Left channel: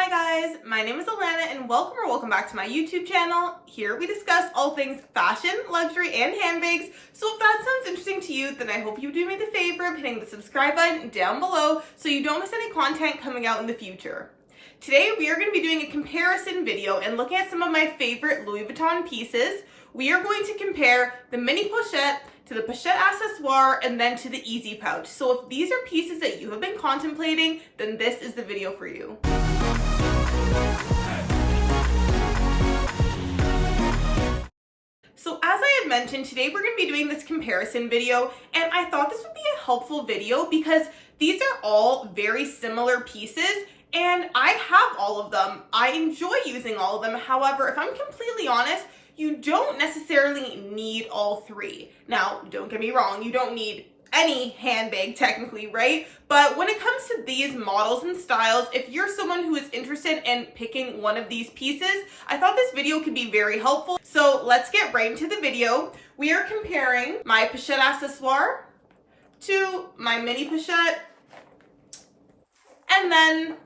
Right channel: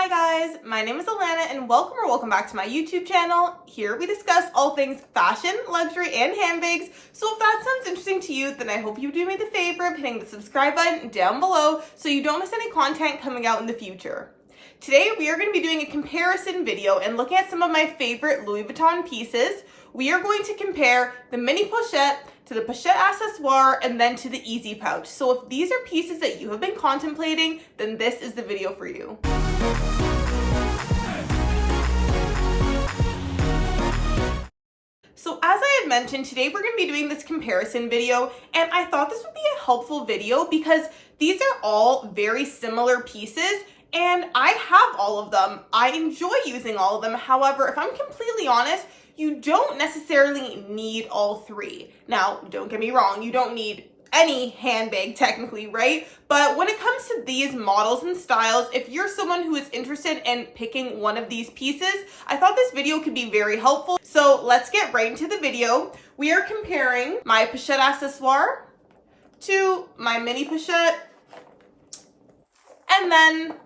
Hi guys, my name is Alana and welcome back to my YouTube channel. Here we discuss all things fashion, luxury, and handbags. So if that sounds interesting to you, then I hope you do me the favor of hitting the subscribe button down below so you don't miss any content coming out in the future. Today we are going to be doing a comparison video and looking at some of my favorite Louis Vuitton pieces. We are going to compare the mini pochette to the Pochette Accessoire and then to the easy pouch. So if these are pieces that you have been contemplating, then this is the video for you. So as I had mentioned, today we're going to be doing this comparison video, and I thought this would be a helpful video because these are all very similar pieces and I have all of them. I enjoy using all of them. However, if I'm completely honest, you don't necessarily need all three. Now, don't get me wrong, you don't need any handbag technically, right? But when it comes to these models and styles, if you're someone who is interested in picking one of these pieces, I thought this video could be very helpful. So let's get right into the video. We are comparing my Pochette Accessoire to my mini pochette, and then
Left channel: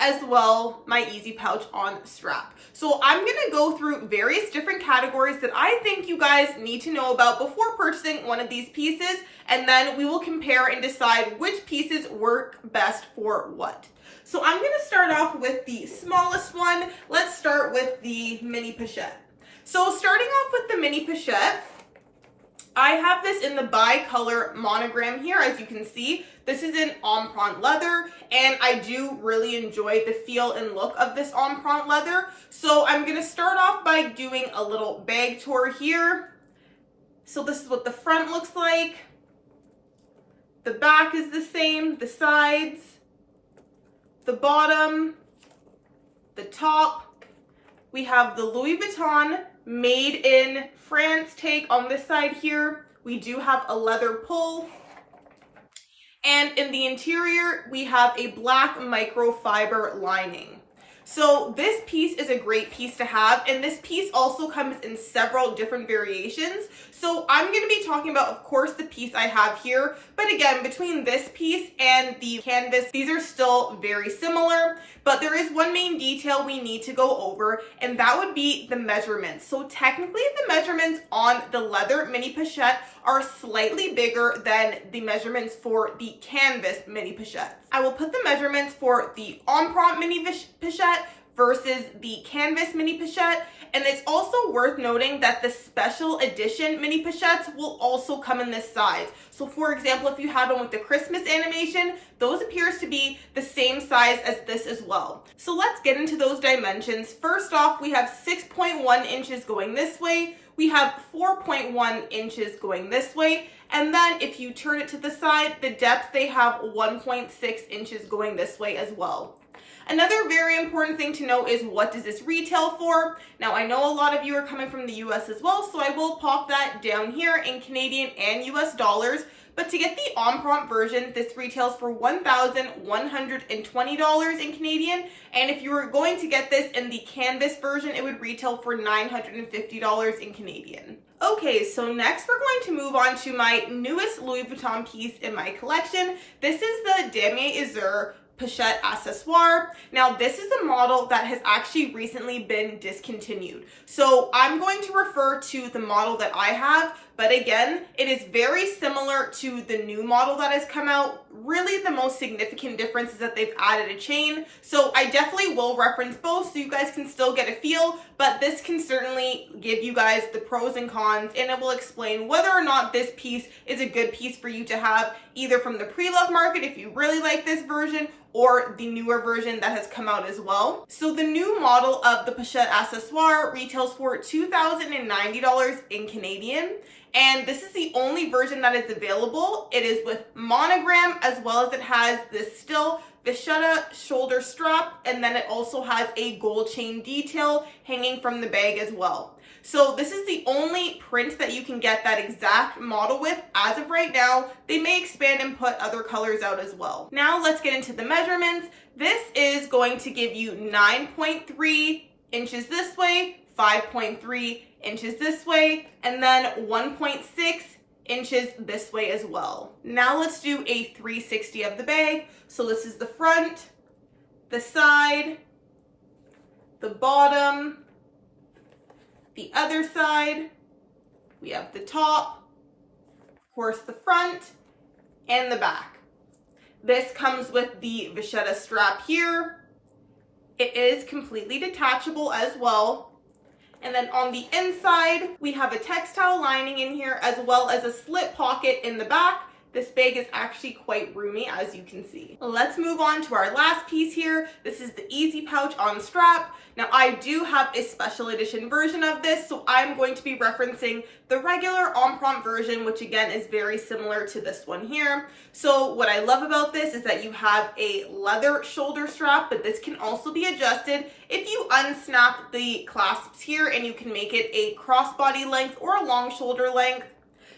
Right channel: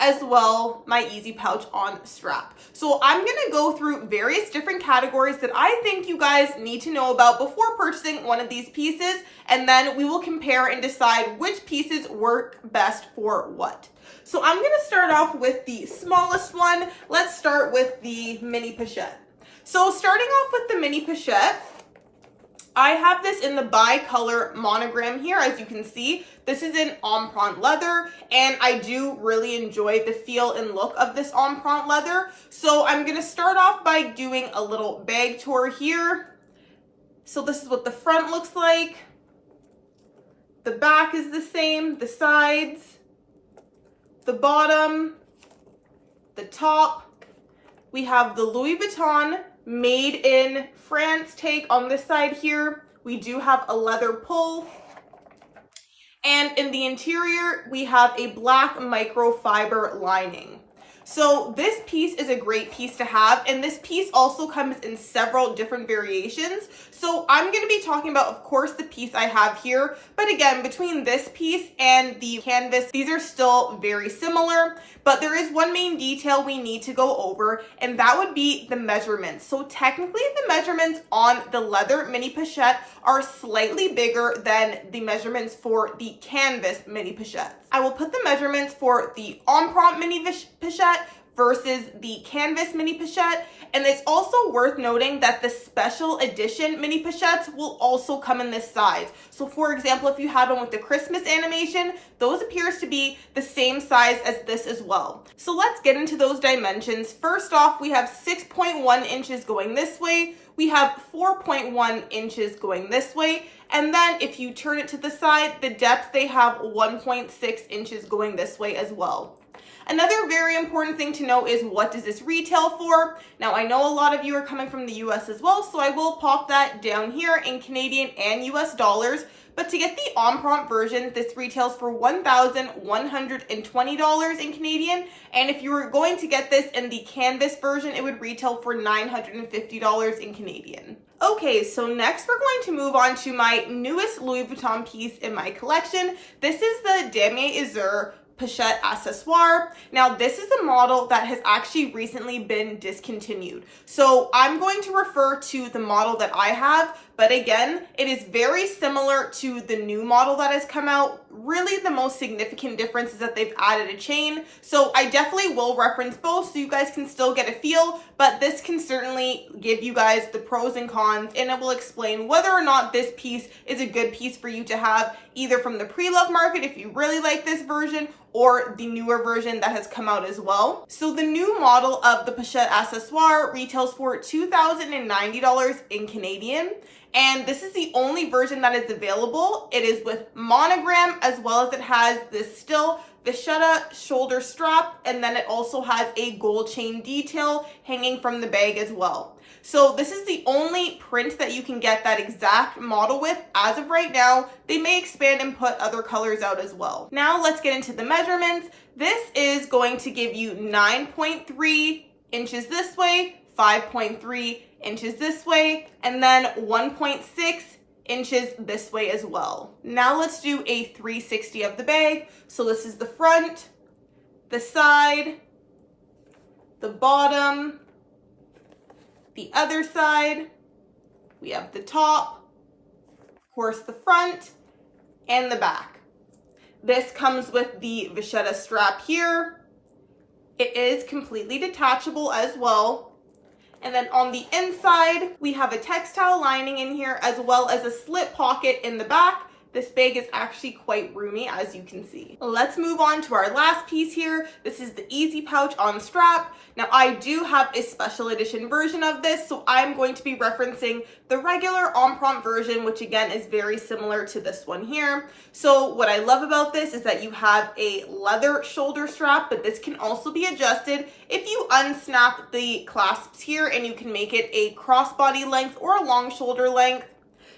as well my easy pouch on strap. So I'm gonna go through various different categories that I think you guys need to know about before purchasing one of these pieces, and then we will compare and decide which pieces work best for what. So I'm gonna start off with the smallest one. Let's start with the mini pochette. So starting off with the mini pochette, I have this in the bi-color monogram here, as you can see. This is in empreinte leather, and I do really enjoy the feel and look of this empreinte leather. So I'm going to start off by doing a little bag tour here. So this is what the front looks like. The back is the same, the sides, the bottom, the top. We have the Louis Vuitton made in France tag on this side here. We do have a leather pull. And in the interior, we have a black microfiber lining. So this piece is a great piece to have, and this piece also comes in several different variations. So I'm going to be talking about, of course, the piece I have here, but again, between this piece and the canvas, these are still very similar, but there is one main detail we need to go over, and that would be the measurements. So technically, the measurements on the leather mini pochette are slightly bigger than the measurements for the canvas mini pochette. I will put the measurements for the empreinte mini pochette versus the canvas mini pochette. And it's also worth noting that the special edition mini pochettes will also come in this size. So for example, if you had one with the Christmas animation, those appears to be the same size as this as well. So let's get into those dimensions. First off, we have 6.1 inches going this way. We have 4.1 inches going this way. And then if you turn it to the side, the depth, they have 1.6 inches going this way as well. Another very important thing to know is, what does this retail for? Now, I know a lot of you are coming from the US as well, so I will pop that down here in Canadian and US dollars. But to get the empreinte version, this retails for $1,120 in Canadian. And if you were going to get this in the canvas version, it would retail for $950 in Canadian. Okay, so next we're going to move on to my newest Louis Vuitton piece in my collection. This is the Damier Azur Pochette Accessoire. Now, this is a model that has actually recently been discontinued. So I'm going to refer to the model that I have, but again, it is very similar to the new model that has come out. Really, the most significant difference is that they've added a chain. So I definitely will reference both so you guys can still get a feel, but this can certainly give you guys the pros and cons, and it will explain whether or not this piece is a good piece for you to have, either from the pre-love market if you really like this version, or the newer version that has come out as well. So the new model of the Pochette Accessoire retails for $2,090 in Canadian. And this is the only version that is available. It is with monogram, as well as it has this still vachetta shoulder strap, and then it also has a gold chain detail hanging from the bag as well. So this is the only print that you can get that exact model with as of right now. They may expand and put other colors out as well. Now let's get into the measurements. This is going to give you 9.3 inches this way, 5.3 inches this way, and then 1.6 inches this way as well. Now let's do a 360 of the bag. So this is the front, the side, the bottom, the other side, we have the top, of course the front, and the back. This comes with the vachetta strap here. It is completely detachable as well. And then on the inside, we have a textile lining in here as well as a slip pocket in the back. This bag is actually quite roomy, as you can see. Let's move on to our last piece here. This is the easy pouch on strap. Now, I do have a special edition version of this, so I'm going to be referencing the regular en prompt version, which again is very similar to this one here. So what I love about this is that you have a leather shoulder strap, but this can also be adjusted if you unsnap the clasps here, and you can make it a crossbody length or a long shoulder length.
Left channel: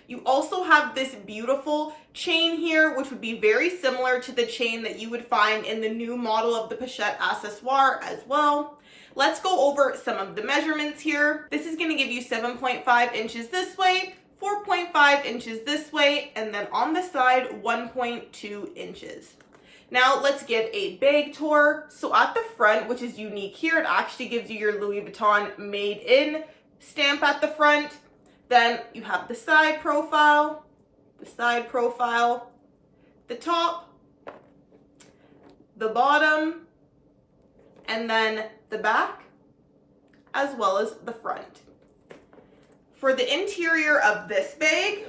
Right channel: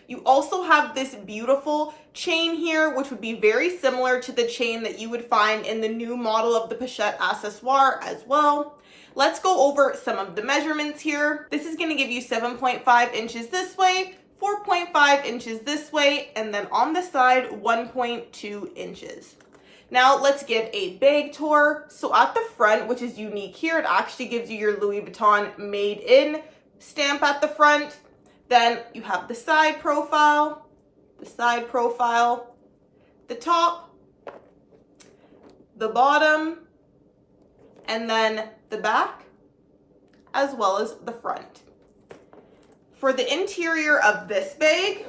You also have this beautiful chain here, which would be very similar to the chain that you would find in the new model of the Pochette Accessoires as well. Let's go over some of the measurements here. This is going to give you 7.5 inches this way, 4.5 inches this way, and then on the side, 1.2 inches. Now let's give a bag tour. So at the front, which is unique here, it actually gives you your Louis Vuitton made in stamp at the front. Then you have the side profile, the top, the bottom, and then the back, as well as the front. For the interior of this bag,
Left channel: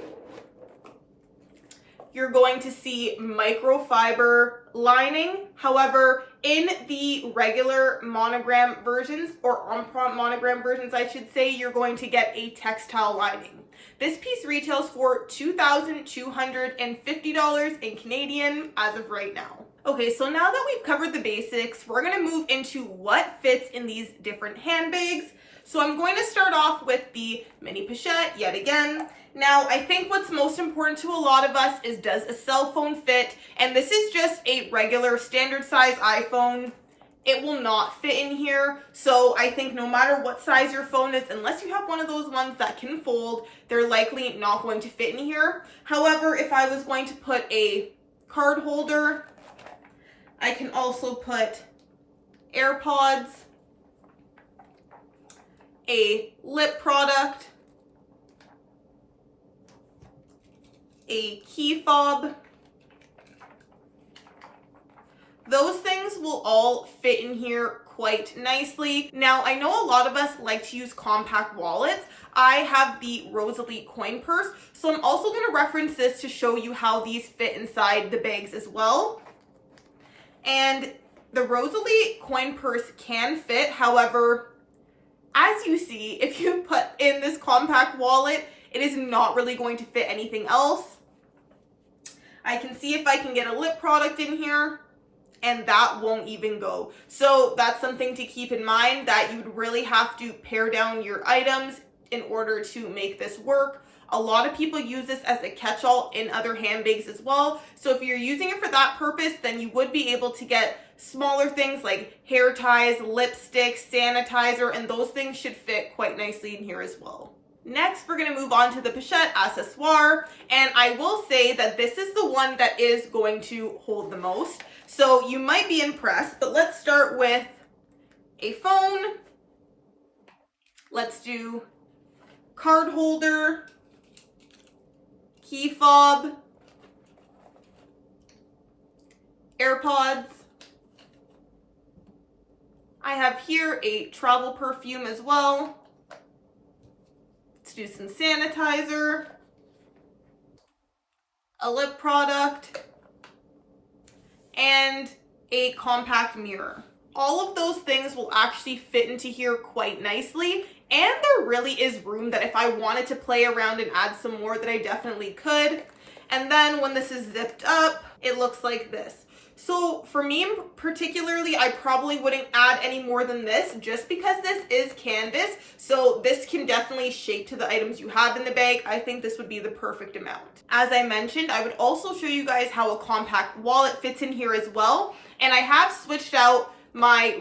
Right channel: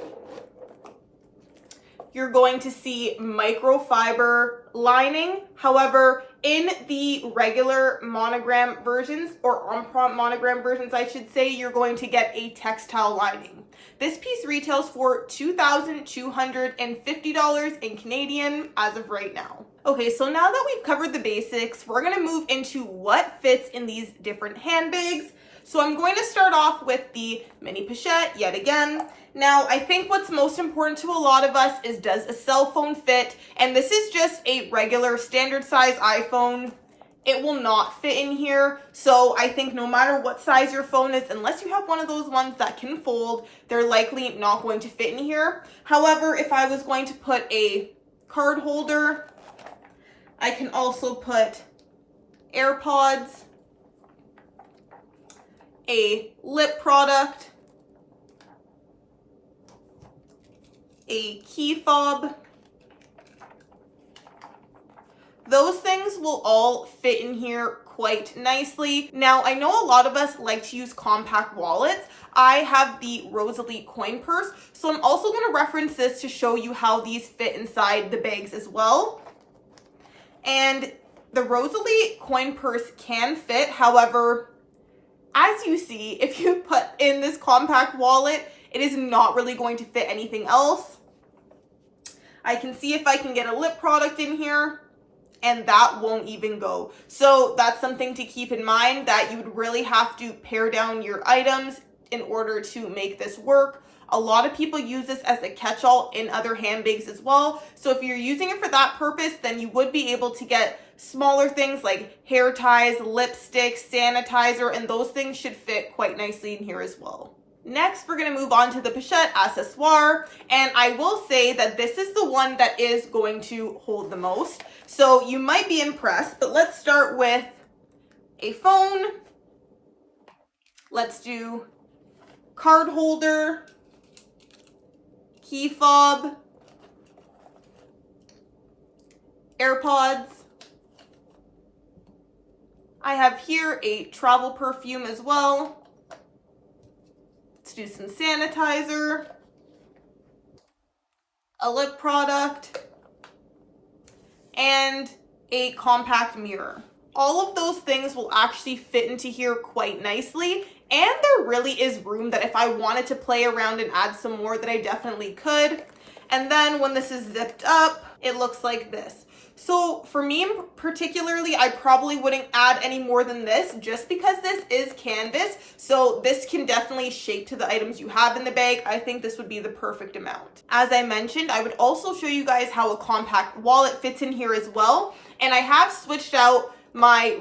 you're going to see microfiber lining. However, in the regular monogram versions, or en prompt monogram versions, I should say, you're going to get a textile lining. This piece retails for $2,250 in Canadian as of right now. Okay, so now that we've covered the basics, we're gonna move into what fits in these different handbags. So I'm going to start off with the mini pochette yet again. Now, I think what's most important to a lot of us is, does a cell phone fit? And this is just a regular standard size iPhone. It will not fit in here. So I think no matter what size your phone is, unless you have one of those ones that can fold, they're likely not going to fit in here. However, if I was going to put a card holder, I can also put AirPods, a lip product, a key fob. Those things will all fit in here quite nicely. Now, I know a lot of us like to use compact wallets. I have the Rosalie coin purse, so I'm also going to reference this to show you how these fit inside the bags as well. And the Rosalie coin purse can fit. However, as you see, if you put in this compact wallet, it is not really going to fit anything else. I can see if I can get a lip product in here, and that won't even go. So that's something to keep in mind, that you would really have to pare down your items in order to make this work. A lot of people use this as a catch-all in other handbags as well. So if you're using it for that purpose, then you would be able to get smaller things like hair ties, lipstick, sanitizer, and those things should fit quite nicely in here as well. Next, we're going to move on to the Pochette Accessoire, and I will say that this is the one that is going to hold the most. So you might be impressed, but let's start with a phone. Let's do card holder, key fob, AirPods. I have here a travel perfume as well. Let's do some sanitizer, a lip product, and a compact mirror. All of those things will actually fit into here quite nicely, and there really is room that if I wanted to play around and add some more, that I definitely could. And then when this is zipped up, it looks like this. So for me particularly, I probably wouldn't add any more than this, just because this is canvas. So this can definitely shape to the items you have in the bag. I think this would be the perfect amount. As I mentioned, I would also show you guys how a compact wallet fits in here as well. And I have switched out my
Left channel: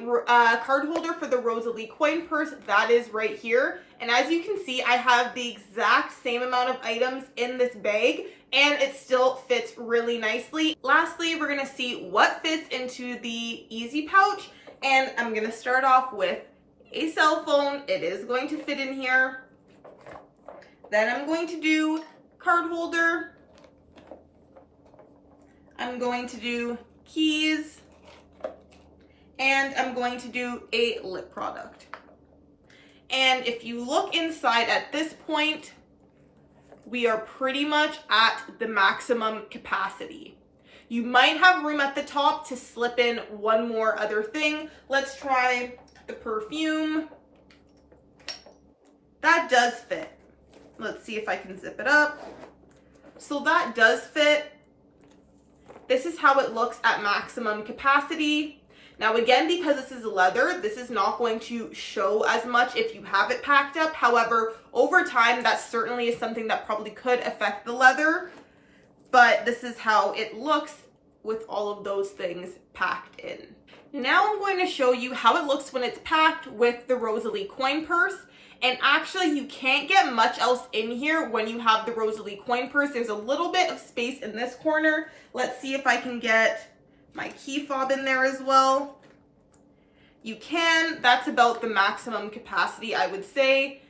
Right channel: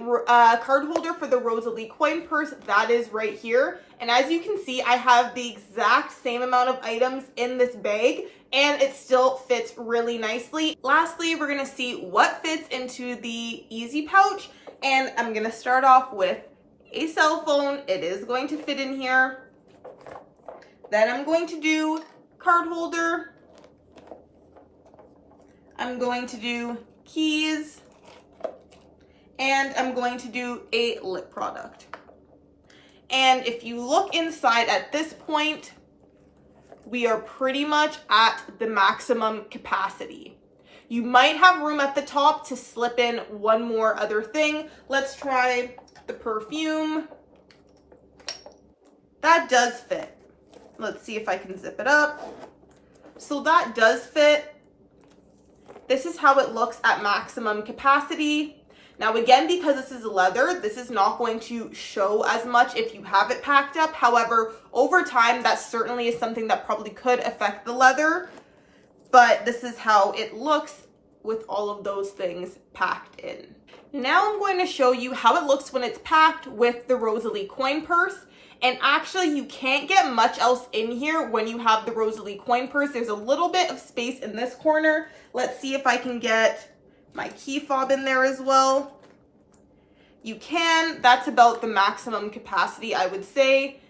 card holder for the Rosalie coin purse. That is right here. And as you can see, I have the exact same amount of items in this bag, and it still fits really nicely. Lastly, we're gonna see what fits into the easy pouch, and I'm gonna start off with a cell phone. It is going to fit in here. Then I'm going to do card holder. I'm going to do keys. And I'm going to do a lip product. And if you look inside at this point, we are pretty much at the maximum capacity. You might have room at the top to slip in one more other thing. Let's try the perfume. That does fit. Let's see if I can zip it up. So that does fit. This is how it looks at maximum capacity. Now again, because this is leather, this is not going to show as much if you have it packed up. However, over time, that certainly is something that probably could affect the leather. But this is how it looks with all of those things packed in. Now I'm going to show you how it looks when it's packed with the Rosalie coin purse. And actually, you can't get much else in here when you have the Rosalie coin purse. There's a little bit of space in this corner. Let's see if I can get my key fob in there as well. You can. That's about the maximum capacity, I would say.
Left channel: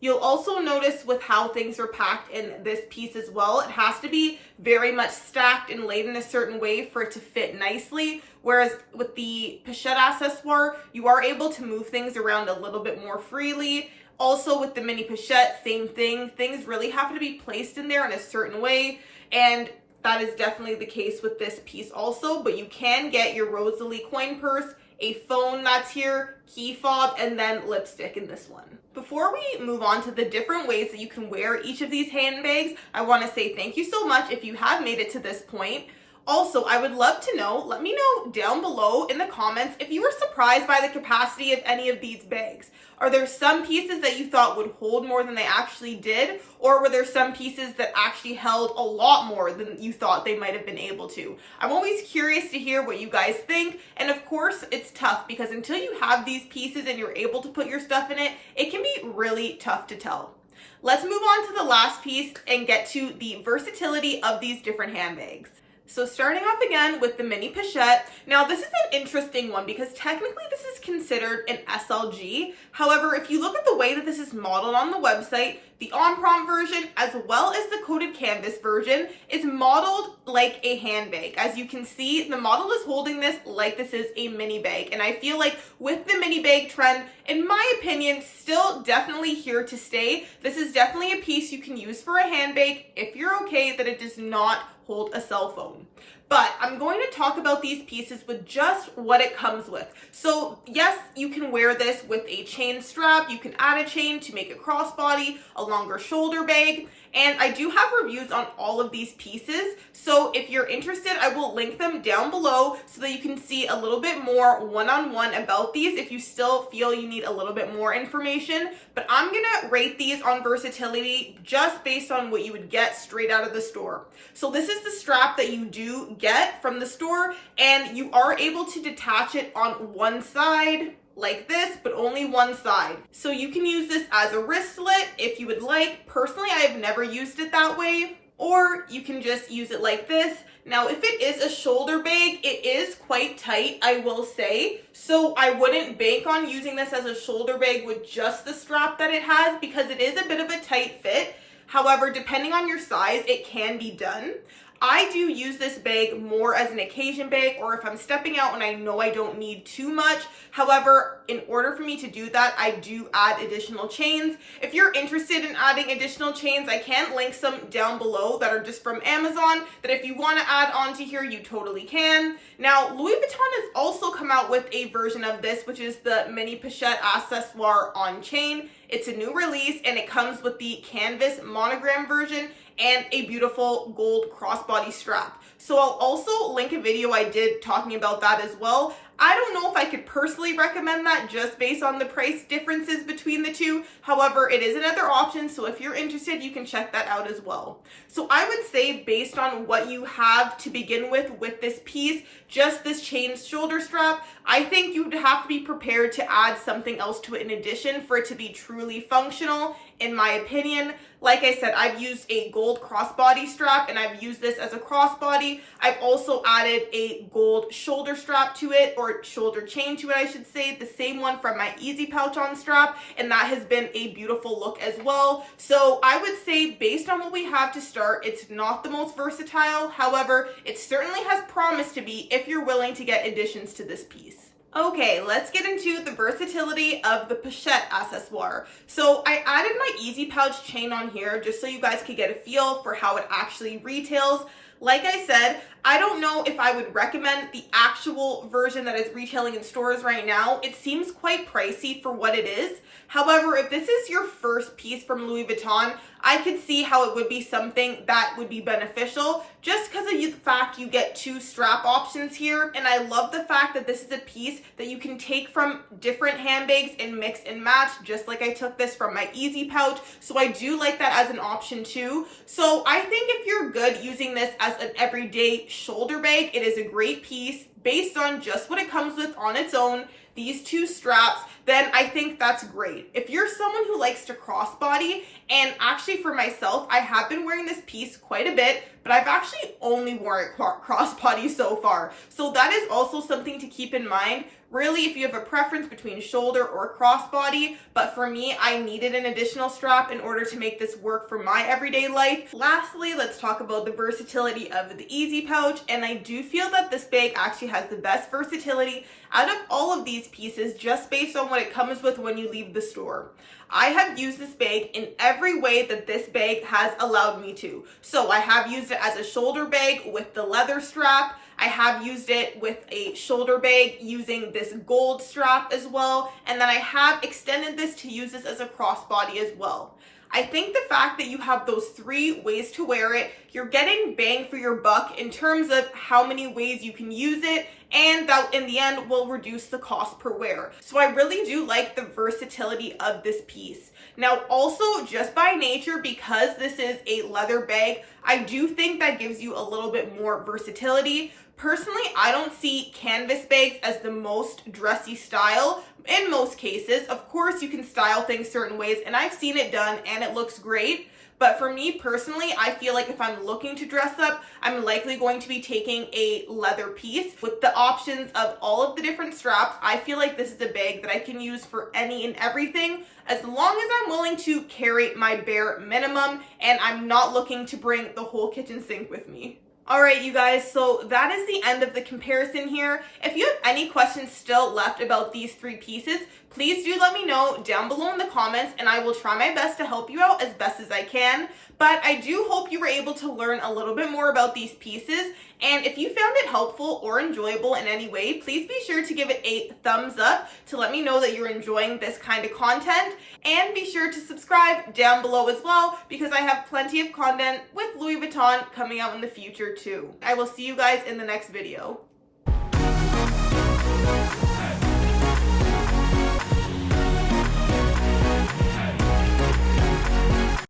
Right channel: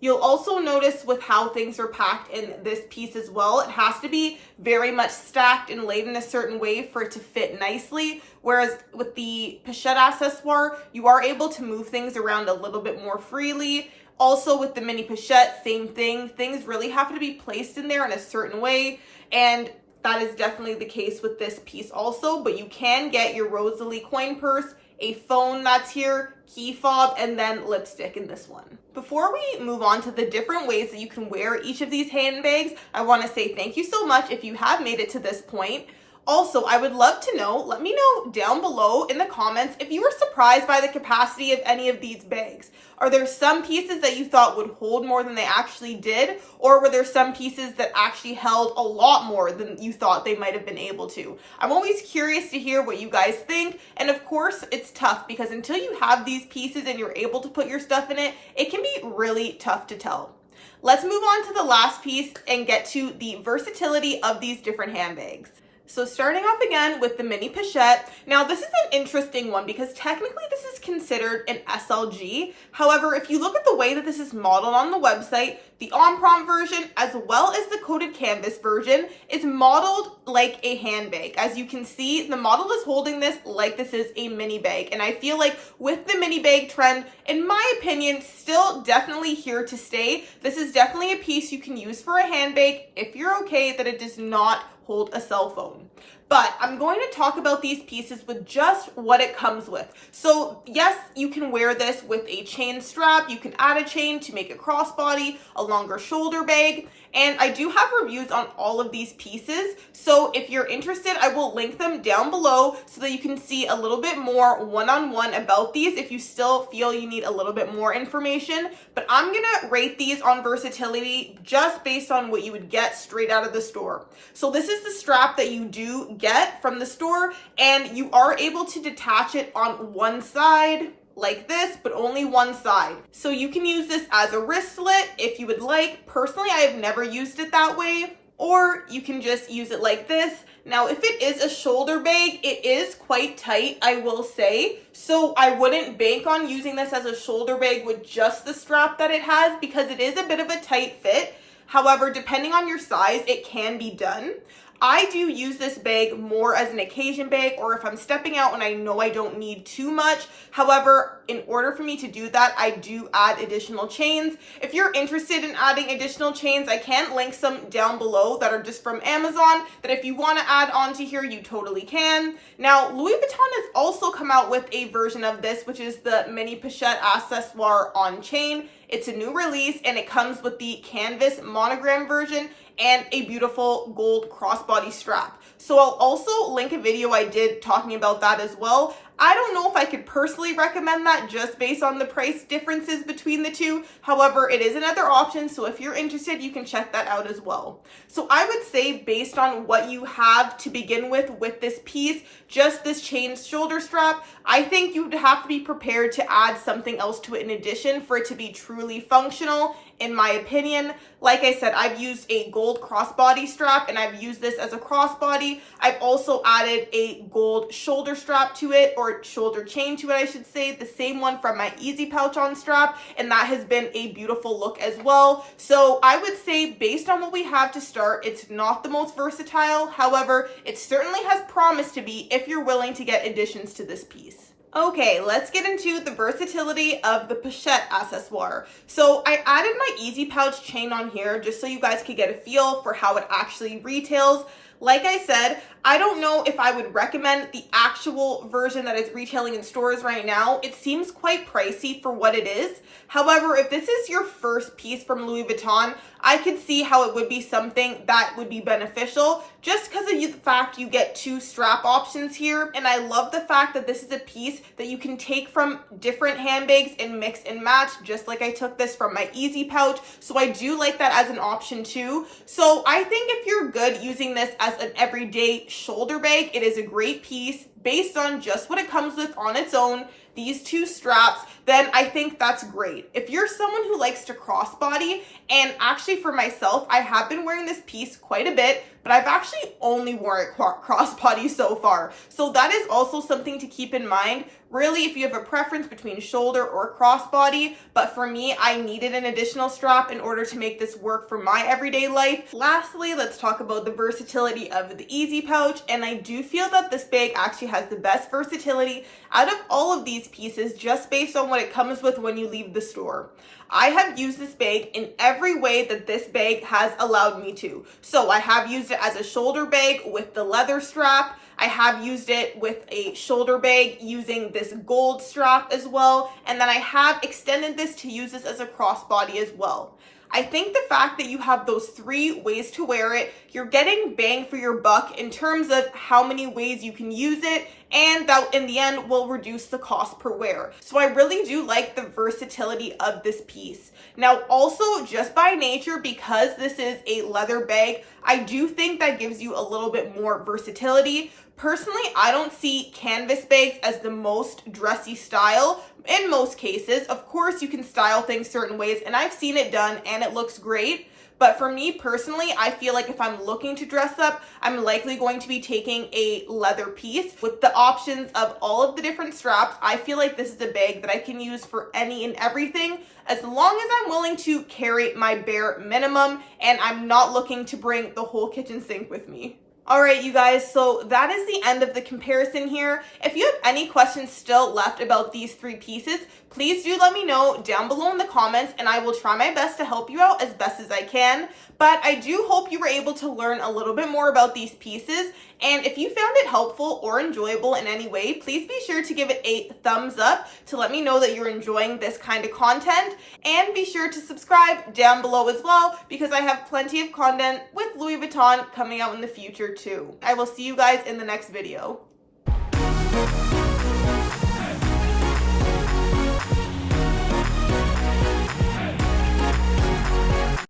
You'll also notice with how things are packed in this piece as well, it has to be very much stacked and laid in a certain way for it to fit nicely. Whereas with the Pochette Accessoire, you are able to move things around a little bit more freely. Also with the mini Pochette, same thing. Things really have to be placed in there in a certain way. And that is definitely the case with this piece also. But you can get your Rosalie coin purse, a phone that's here, key fob, and then lipstick in this one. Before we move on to the different ways that you can wear each of these handbags, I want to say thank you so much if you have made it to this point. Also, I would love to know, let me know down below in the comments if you were surprised by the capacity of any of these bags. Are there some pieces that you thought would hold more than they actually did? Or were there some pieces that actually held a lot more than you thought they might have been able to? I'm always curious to hear what you guys think. And of course, it's tough because until you have these pieces and you're able to put your stuff in it, it can be really tough to tell. Let's move on to the last piece and get to the versatility of these different handbags. So starting off again with the mini Pochette. Now this is an interesting one because technically this is considered an SLG. However, if you look at the way that this is modeled on the website, the on-prompt version as well as the coated canvas version is modeled like a handbag. As you can see, the model is holding this like this is a mini bag. And I feel like with the mini bag trend, in my opinion, still definitely here to stay. This is definitely a piece you can use for a handbag if you're okay that it does not hold a cell phone. But I'm going to talk about these pieces with just what it comes with. So yes, you can wear this with a chain strap. You can add a chain to make a crossbody, a longer shoulder bag. And I do have reviews on all of these pieces. So if you're interested, I will link them down below so that you can see a little bit more one-on-one about these if you still feel you need a little bit more information. But I'm gonna rate these on versatility just based on what you would get straight out of the store. So this is the strap that you do get from the store, and you are able to detach it on one side like this, but only one side. So you can use this as a wristlet if you would like. Personally, I have never used it that way, or you can just use it like this. Now, if it is a shoulder bag, it is quite tight, I will say. So I wouldn't bank on using this as a shoulder bag with just the strap that it has because it is a bit of a tight fit. However, depending on your size, it can be done. I do use this bag more as an occasion bag or if I'm stepping out and I know I don't need too much. However, in order for me to do that, I do add additional chains. If you're interested in adding additional chains, I can link some down below that are just from Amazon that if you want to add onto here, you totally can. Now, Louis Vuitton has also come out with a version of this, which is the mini Pochette Accessoire on chain. It's a new release and it comes with the canvas monogram version and a beautiful gold crossbody strap. So I'll also link a video I did talking about that as well. I don't know if I could personally recommend that just based on the price differences between the two. However, it is another option, so if you're interested, you can check that out as well. So I would say based on what you have to begin with this piece, just this chain shoulder strap, I think you would have to be prepared to add something else to it in addition for it to be truly functional, in my opinion. Like I said, I've used a gold crossbody strap and I've used this as a crossbody. I've also added a gold shoulder strap to it, or shoulder chain to it, I should say, the same one from my Easy Pouch on strap, and that has been a beautiful look as well. So I would say based on what we have to start, it's not the most versatile. However, it certainly has promise to be if you're willing to get additions to this piece. Okay, let's get into the versatility of the Pochette Accessoire. So I added my Easy Pouch chain on here just so you guys could get a feel for how it actually retails. Like I said, I don't know if I would recommend the actual version that is retailing in stores right now. It seems quite pricey for what it is. However, if this is your first piece from Louis Vuitton, I could see how it would be something that would be beneficial just because of the fact you get 2 strap options here. And I love the fact that this is a piece that you can take from different handbags and mix and match, just like I took this from my Easy Pouch. So I do like that as an option too. So I think if you're good using this as an everyday shoulder bag, it is a great piece based on just what it comes with on its own, these 2 straps, then I think that's great. If you're someone who likes to crossbody, and actually for myself, I have been wearing this piece quite a bit, but I've actually only worn it crossbody so far. So that is also something to keep in mind. Really, if you have a preference between shoulder or crossbody, but for me, I needed an additional strap in order to make this work for my everyday life. Lastly, let's talk about the versatility of the Easy Pouch, and I do feel that this bag actually has the best versatility out of all of these pieces just based on what it comes with when you leave the store. I have used this bag in every way that this bag has allowed me to. So I have used it as a shoulder bag with the leather strap. I have used it with a shoulder bag using this gold strap as well. And then I have extended this to use this as a crossbody as well. I think the fact that you have those 3 ways to wear it, you're getting bang for your buck in terms of how many ways you can use it, and that in the end will reduce the cost per wear. So I really do like the versatility of this piece. Now also, just by nature, because this is a leather bag, I do think that gives you a little bit more versatility. Personally, I don't see canvas bags as the most dressy style in most cases. Of course, you can style things certain ways, and I've seen it done and it looks great. But for me personally, I feel like if I'm looking to dress up, I'm likely going to be taking a leather piece. With the options of all of the different straps, I feel like this is a bag that I can use for any and everything, as long as I'm willing to carry my bare minimum and I'm not looking to bring the whole kitchen sink with me. Alright you guys, so that is the end of the comparison here. If you have any questions still left about these 3 pieces, please do let me know down below in the comments and I will try my best to help you out as best as I can. But I do hope you were able to learn a little bit more about these pieces. And if you found it helpful or enjoyable in any way, please be sure to give it a thumbs up to let me know that you're enjoying this kind of content. And be sure to subscribe down below as well, because I have plenty of content with Louis Vuitton coming out in the future too. I will see you guys in the next video.